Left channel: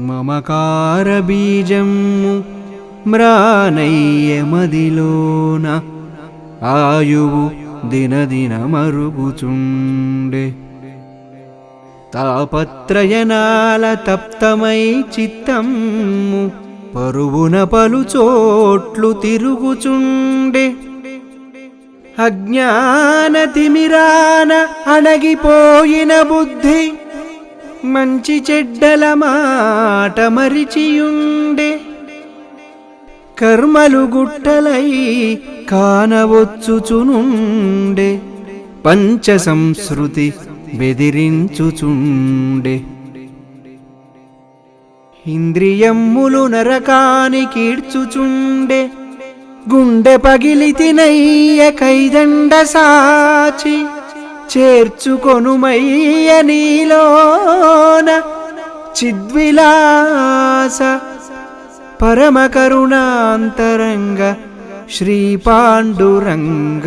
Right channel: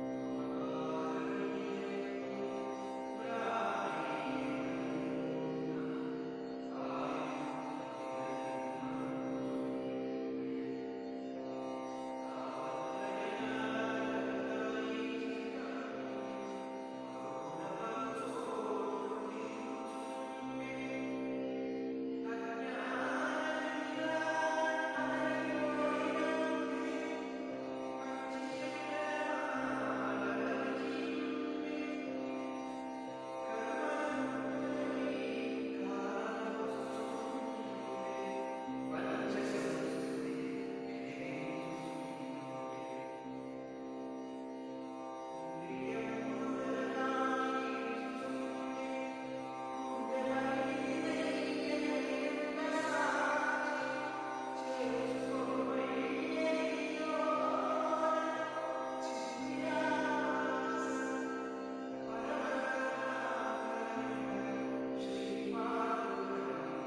మమకార బీజము మ్రానయ్య మదిలోన ఆయువు దినదిన మరుగుచుండే తాపత్రయనాల తప్తమై చిత్తము పరువున పలు చోట్లు తిరుగుచుండే అజ్ఞాన తిమిరాన అణగిపోయిన బుద్ధి మంచి చెడ్డల మాట మరిచియుండే. కర్మలు గుట్టలై కానవచ్చుచునుండే. పంచ సంస్కృతి బెదిరించుచుండే. ఇంద్రియమ్ములు నరకానికి గుండె పగిలి తినయ్య కైదండ సాచి చేర్చుకొనుమయ్య నీలోన చిద్విలాస పరమ కరుణాంతరంగ శ్రీ పాండురంగ